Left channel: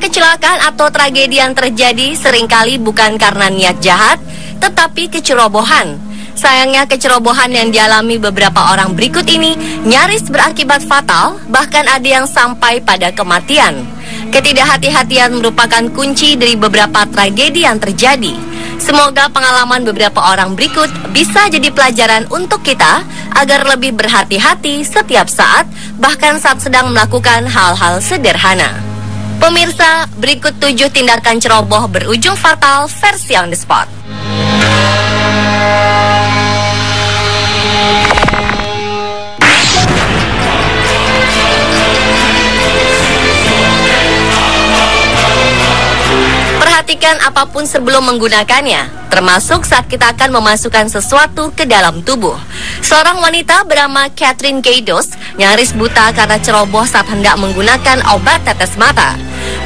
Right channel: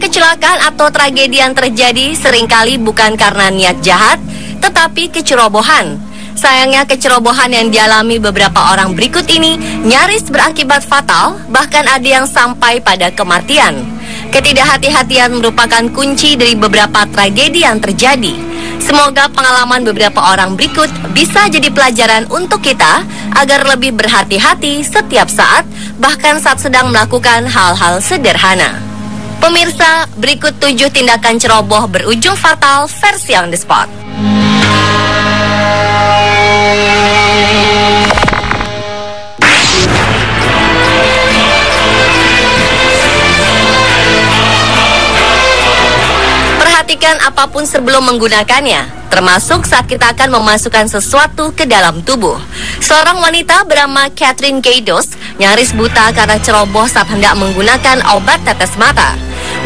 kecelakaan atau tragedi yang terjadi seringkali bukan karena niat jahat, tetapi kecerobohan. Sayangnya kecerobohan yang dialami beberapa orang berikut ini nyaris berakibat fatal, bahkan ada yang sampai pada kematian. Ketidakhati-hatian merupakan kunci dari beberapa tragedi yang terjadi. Semoga pengalaman beberapa orang berikut bisa jadi pelajaran untuk kita agar lebih berhati-hati setiap saat, bahkan saat sedang melakukan hal-hal sederhana. Pemirsa, berikut 7 tindakan ceroboh berujung fatal versi on the spot. Perhatikan apapun sebelum menggunakannya, termasuk saat kita akan memasukkan sesuatu ke dalam tubuh. Seorang wanita bernama Catherine Kaydos nyaris buta karena ceroboh saat hendak menggunakan obat tetes mata.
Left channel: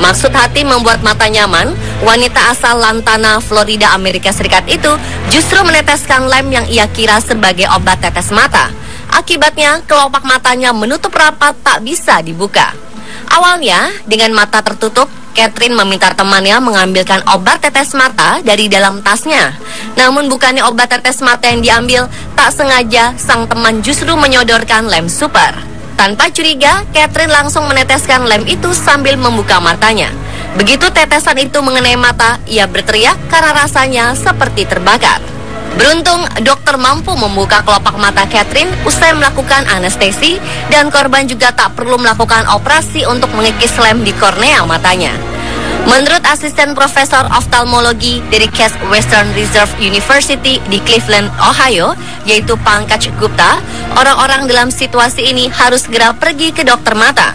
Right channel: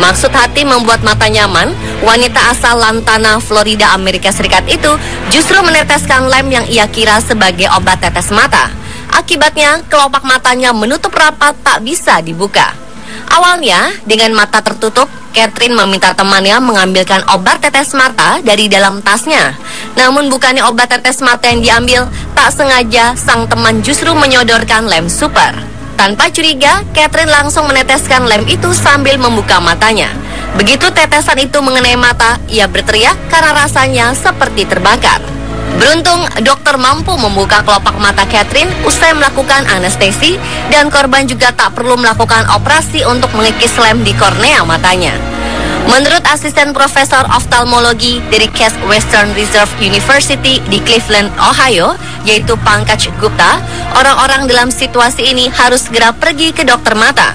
Maksud hati membuat mata nyaman, wanita asal Lantana, Florida, Amerika Serikat itu justru meneteskan lem yang ia kira sebagai obat tetes mata. Akibatnya, kelopak matanya menutup rapat tak bisa dibuka. Awalnya, dengan mata tertutup, Catherine meminta temannya mengambilkan obat tetes mata dari dalam tasnya. Namun bukannya obat tetes mata yang diambil, tak sengaja sang teman justru menyodorkan lem super. Tanpa curiga, Catherine langsung meneteskan lem itu sambil membuka matanya. Begitu tetesan itu mengenai mata, ia berteriak karena rasanya seperti terbakar. Beruntung, dokter mampu membuka kelopak mata Catherine usai melakukan anestesi, dan korban juga tak perlu melakukan operasi untuk mengikis lem di kornea matanya. Menurut asisten profesor oftalmologi dari Case Western Reserve University di Cleveland, Ohio, yaitu Pankaj Gupta, orang-orang dalam situasi ini harus segera pergi ke dokter mata.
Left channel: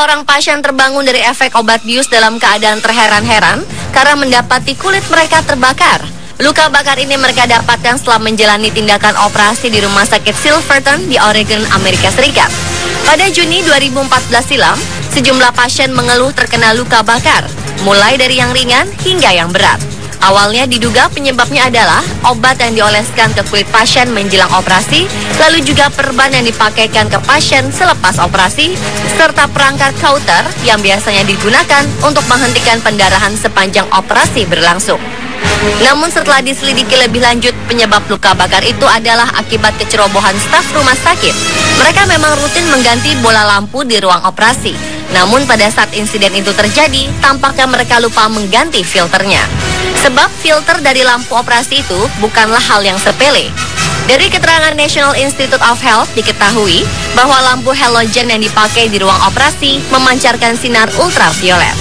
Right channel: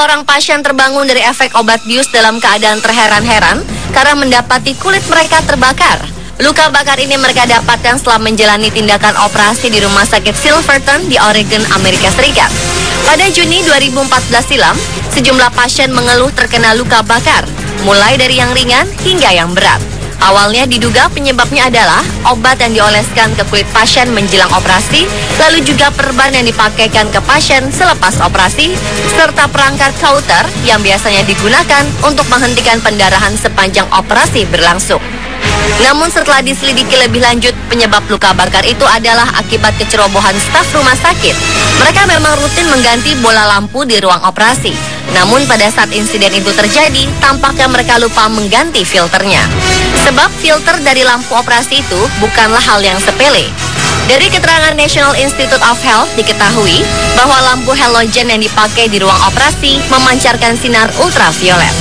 Orang pasien terbangun dari efek obat bius dalam keadaan terheran-heran karena mendapati kulit mereka terbakar. Luka bakar ini mereka dapatkan setelah menjalani tindakan operasi di rumah sakit Silverton di Oregon, Amerika Serikat. Pada Juni 2014 silam, sejumlah pasien mengeluh terkena luka bakar, mulai dari yang ringan hingga yang berat. Awalnya diduga penyebabnya adalah obat yang dioleskan ke kulit pasien menjelang operasi, lalu juga perban yang dipakaikan ke pasien selepas operasi, serta perangkat Holter yang biasanya digunakan untuk menghentikan pendarahan sepanjang operasi berlangsung. Namun setelah diselidiki lebih lanjut, penyebab luka bakar itu adalah akibat kecerobohan staf rumah sakit. Mereka memang rutin mengganti bola lampu di ruang operasi. Namun pada saat insiden itu terjadi, tampaknya mereka lupa mengganti filternya. Sebab filter dari lampu operasi itu bukanlah hal yang sepele. Dari keterangan National Institute of Health diketahui bahwa lampu halogen yang dipakai di ruang operasi memancarkan sinar ultraviolet.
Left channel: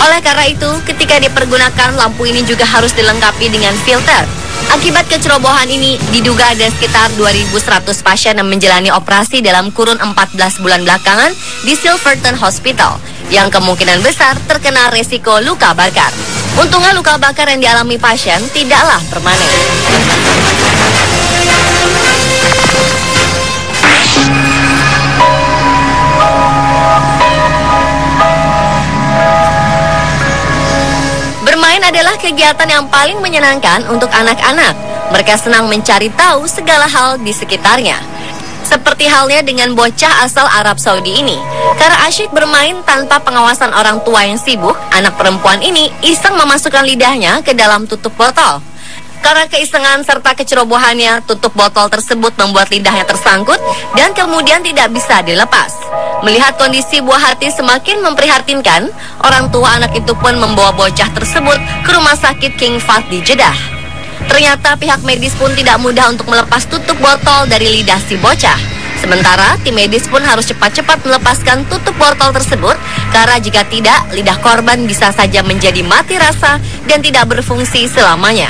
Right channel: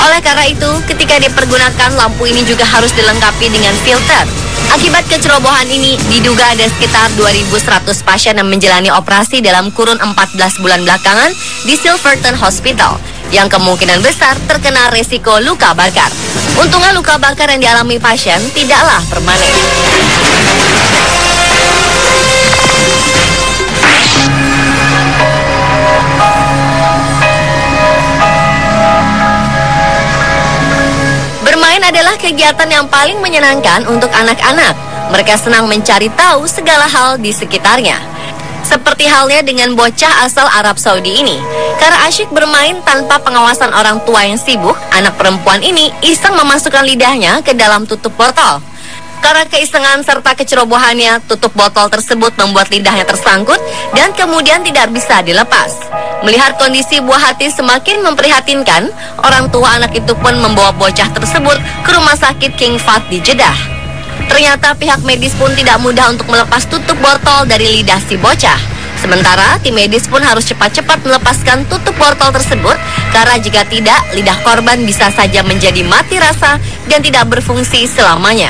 Oleh karena itu, ketika dipergunakan, lampu ini juga harus dilengkapi dengan filter. Akibat kecerobohan ini, diduga ada sekitar 2.100 pasien yang menjalani operasi dalam kurun 14 bulan belakangan di Silverton Hospital, yang kemungkinan besar terkena resiko luka bakar. Untungnya luka bakar yang dialami pasien tidaklah permanen. Adalah kegiatan yang paling menyenangkan untuk anak-anak. Mereka senang mencari tahu segala hal di sekitarnya. Seperti halnya dengan bocah asal Arab Saudi ini. Karena asyik bermain tanpa pengawasan orang tua yang sibuk, anak perempuan ini iseng memasukkan lidahnya ke dalam tutup botol. Karena keisengan serta kecerobohannya, tutup botol tersebut membuat lidahnya tersangkut dan kemudian tidak bisa dilepas. Melihat kondisi buah hati semakin memprihatinkan, orang tua anak itu pun membawa bocah tersebut ke rumah sakit King Fahd di Jeddah. Ternyata pihak medis pun tidak mudah untuk melepas tutup botol dari lidah si bocah. Sementara tim medis pun harus cepat-cepat melepaskan tutup botol tersebut, karena jika tidak, lidah korban bisa saja menjadi mati rasa dan tidak berfungsi selamanya.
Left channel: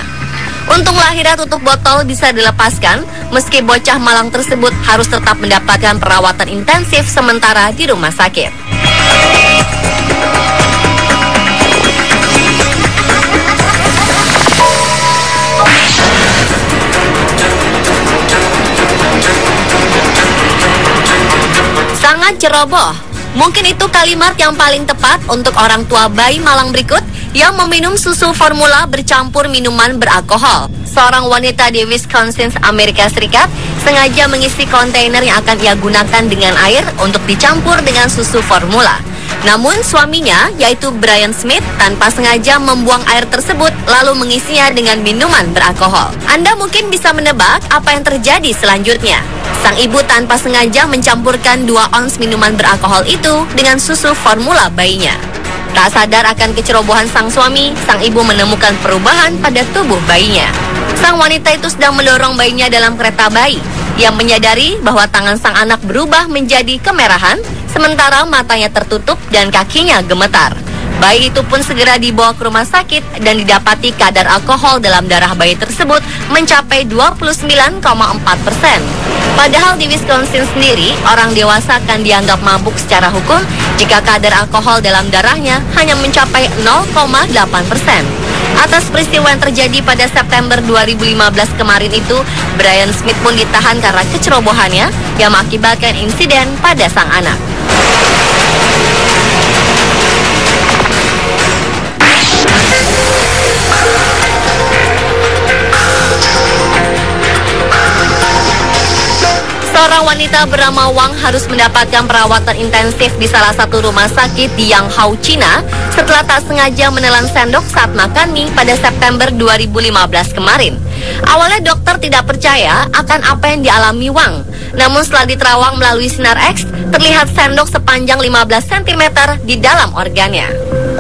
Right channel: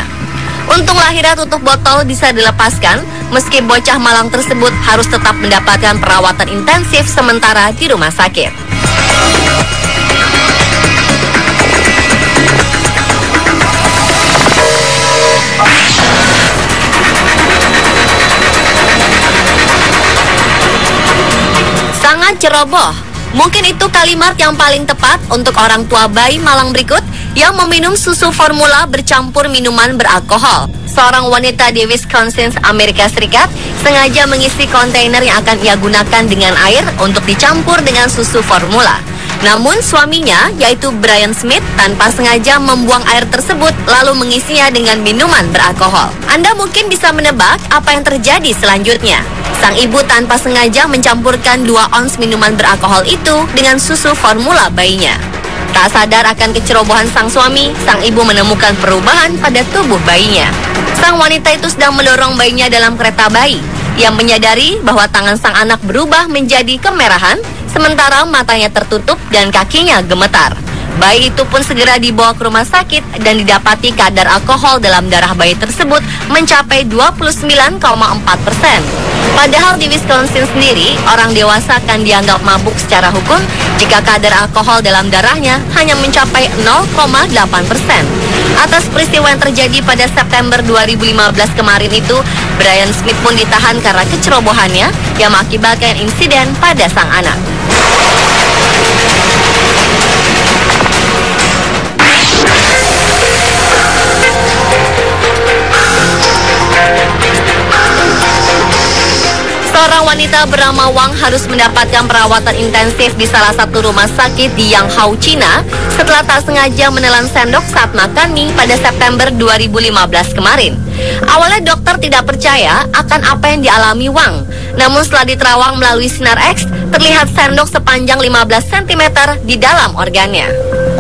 Untunglah akhirnya tutup botol bisa dilepaskan, meski bocah malang tersebut harus tetap mendapatkan perawatan intensif sementara di rumah sakit. ceroboh. Mungkin itu kalimat yang paling tepat untuk orang tua bayi malang berikut yang meminum susu formula bercampur minuman beralkohol. Seorang wanita di Wisconsin, Amerika Serikat, sengaja mengisi kontainer yang akan ia gunakan dengan air untuk dicampur dengan susu formula. Namun suaminya, yaitu Brian Smith, tanpa sengaja membuang air tersebut lalu mengisinya dengan minuman beralkohol. Anda mungkin bisa menebak apa yang terjadi selanjutnya. Sang ibu tanpa sengaja mencampurkan 2 ons minuman beralkohol itu dengan susu formula bayinya. Tak sadar akan kecerobohan sang suami, sang ibu menemukan perubahan pada tubuh bayinya. Sang wanita itu sedang mendorong bayinya dalam kereta bayi. Ia menyadari bahwa tangan sang anak berubah menjadi kemerahan, sementara matanya tertutup dan kakinya gemetar. Bayi itu pun segera dibawa ke rumah sakit dan didapati kadar alkohol dalam darah bayi tersebut mencapai 29,4%. Padahal di Wisconsin sendiri, orang dewasa akan dianggap mabuk secara hukum jika kadar alkohol dalam darahnya hanya mencapai 0,8%. Atas peristiwa yang terjadi pada September 2015 kemarin itu, Brian Smith pun ditahan karena kecerobohannya yang mengakibatkan insiden pada sang anak. Seorang wanita bernama Wang harus mendapatkan perawatan intensif di salah satu rumah sakit di Yanghao, China setelah tak sengaja menelan sendok saat makan mie pada September 2015 kemarin. Awalnya dokter tidak percaya akan apa yang dialami Wang. Namun setelah diterawang melalui sinar X, terlihat sendok sepanjang 15 cm di dalam organnya.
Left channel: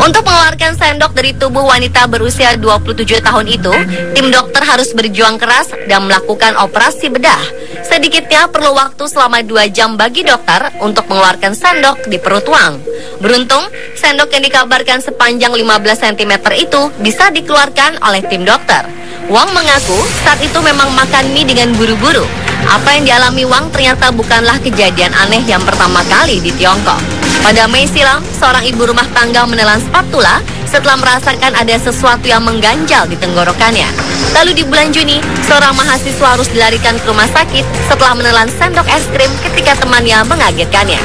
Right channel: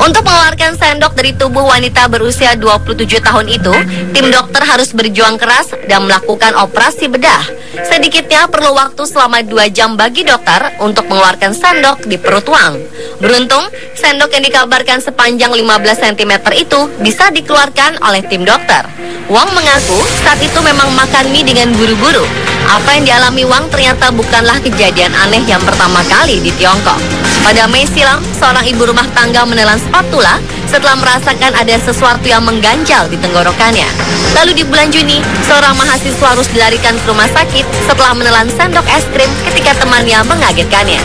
Untuk mengeluarkan sendok dari tubuh wanita berusia 27 tahun itu, tim dokter harus berjuang keras dan melakukan operasi bedah. Sedikitnya perlu waktu selama 2 jam bagi dokter untuk mengeluarkan sendok di perut Wang. Beruntung, sendok yang dikabarkan sepanjang 15 cm itu bisa dikeluarkan oleh tim dokter. Wang mengaku saat itu memang makan mie dengan buru-buru. Apa yang dialami Wang ternyata bukanlah kejadian aneh yang pertama kali di Tiongkok. Pada Mei silam, seorang ibu rumah tangga menelan spatula setelah merasakan ada sesuatu yang mengganjal di tenggorokannya. Lalu di bulan Juni, seorang mahasiswa harus dilarikan ke rumah sakit setelah menelan sendok es krim ketika temannya mengagetkannya.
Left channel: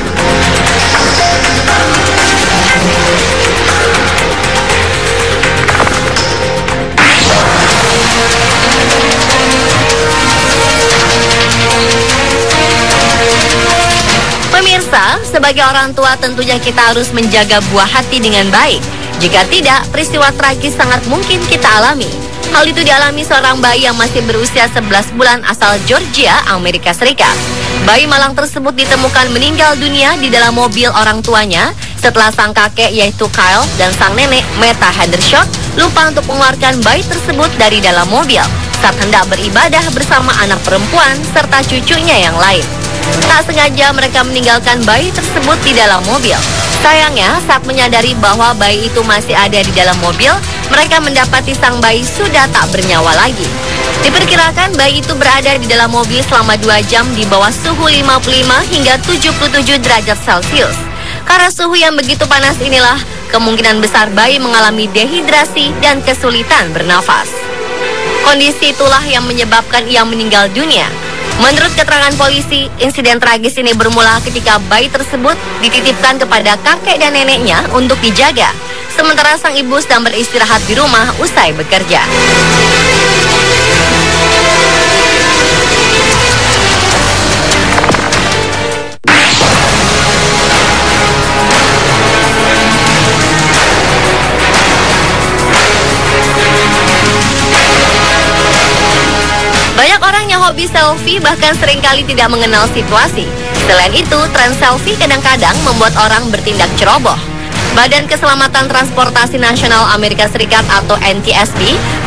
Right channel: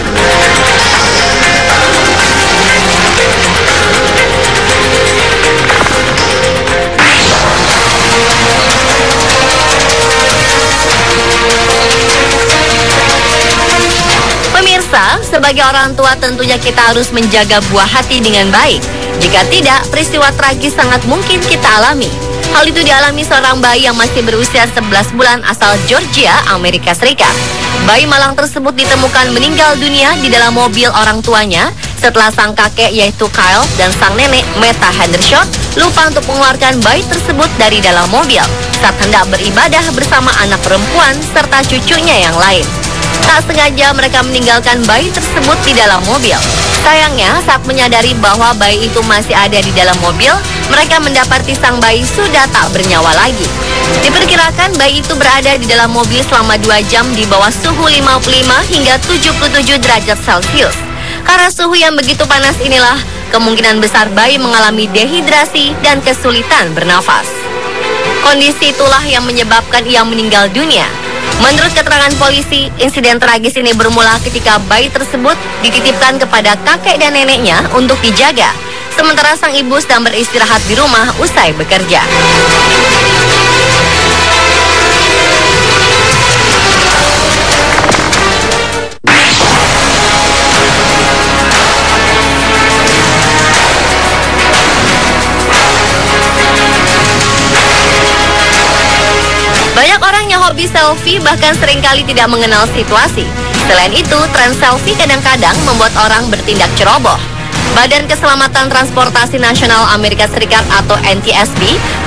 Pemirsa, sebagai orang tua tentunya kita harus menjaga buah hati dengan baik. Jika tidak, peristiwa tragis sangat mungkin kita alami. Hal itu dialami seorang bayi yang masih berusia 11 bulan asal Georgia, Amerika Serikat. Bayi malang tersebut ditemukan meninggal dunia di dalam mobil orang tuanya setelah sang kakek yaitu Kyle dan sang nenek Meta Hendershot lupa untuk mengeluarkan bayi tersebut dari dalam mobil saat hendak beribadah bersama anak perempuan serta cucunya yang lain. Tak sengaja mereka meninggalkan bayi tersebut di dalam mobil. Sayangnya, saat menyadari bahwa bayi itu masih ada di dalam mobil, mereka mendapati sang bayi sudah tak bernyawa lagi. Diperkirakan bayi itu berada di dalam mobil selama 2 jam di bawah suhu 55 hingga 77 derajat Celcius. Karena suhu yang begitu panas inilah, kemungkinan besar bayi mengalami dehidrasi dan kesulitan bernafas. Kondisi itulah yang menyebabkan ia meninggal dunia. Menurut keterangan polisi, insiden tragis ini bermula ketika bayi tersebut dititipkan kepada kakek dan neneknya untuk dijaga, sementara sang ibu sedang beristirahat di rumah usai bekerja. Selfie bahkan seringkali tidak mengenal situasi. Selain itu, tren selfie kadang-kadang membuat orang bertindak ceroboh. Badan Keselamatan Transportasi Nasional Amerika Serikat atau NTSB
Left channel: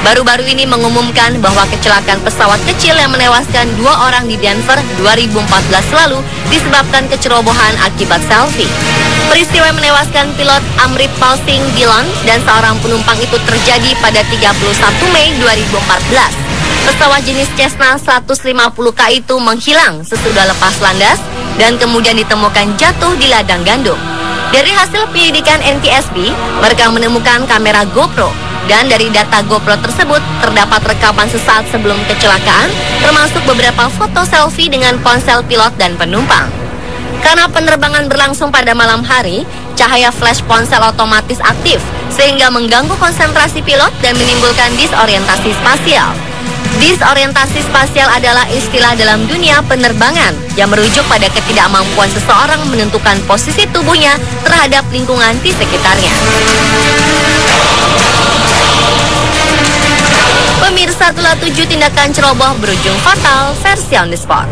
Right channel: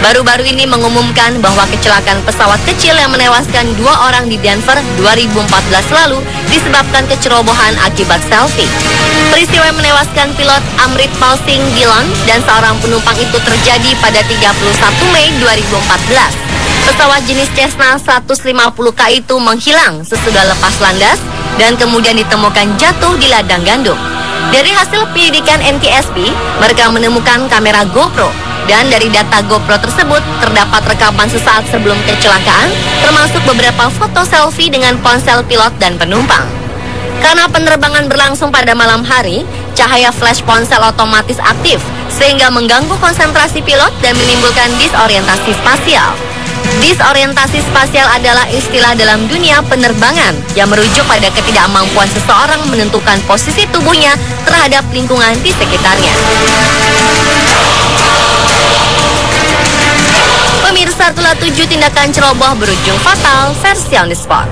baru-baru ini mengumumkan bahwa kecelakaan pesawat kecil yang menewaskan 2 orang di Denver 2014 lalu disebabkan kecerobohan akibat selfie. Peristiwa yang menewaskan pilot Amritpal Singh Dhillon dan seorang penumpang itu terjadi pada 31 Mei 2014. Pesawat jenis Cessna 150K itu menghilang sesudah lepas landas dan kemudian ditemukan jatuh di ladang gandum. Dari hasil penyelidikan NTSB, mereka menemukan kamera GoPro dan dari data GoPro tersebut terdapat rekaman sesaat sebelum kecelakaan, termasuk beberapa foto selfie dengan ponsel pilot dan penumpang. Karena penerbangan berlangsung pada malam hari, cahaya flash ponsel otomatis aktif sehingga mengganggu konsentrasi pilot dan menimbulkan disorientasi spasial. Disorientasi spasial adalah istilah dalam dunia penerbangan yang merujuk pada ketidakmampuan seseorang menentukan posisi tubuhnya terhadap lingkungan di sekitarnya. Pemirsa, telah 7 tindakan ceroboh berujung fatal versi on the spot.